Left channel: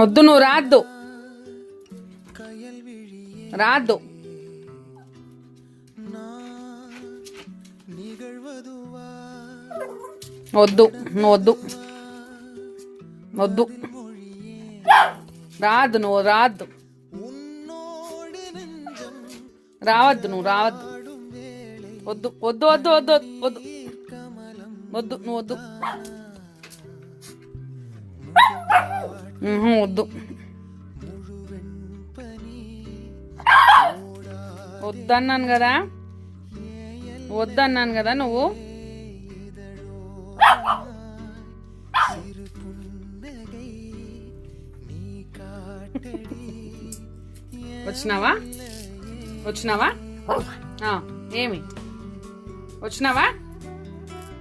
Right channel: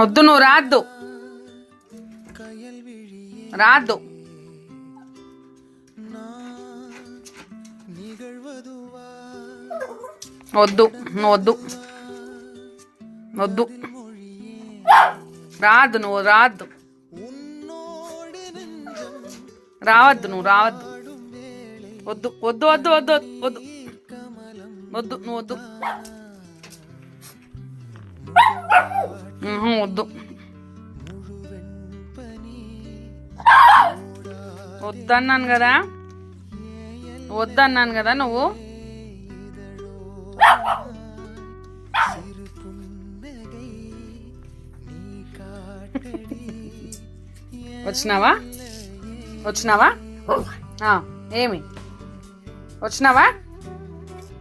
వద్దు, నువ్వు రాద్దు రాద్దు. వద్దు, నువ్వు వద్దు వద్దు, రాద్దు, నువ్వు రాద్దు, రావద్దు, నువ్వు రావద్దు. వద్దు వద్దు వద్దు వద్దు వద్దు వద్దు, నువ్వు వద్దు వద్దు వద్దన్నాను కదా, వద్దన్నాను కదా. నువ్వు వచ్చినావా? ఏమి వచ్చినావా?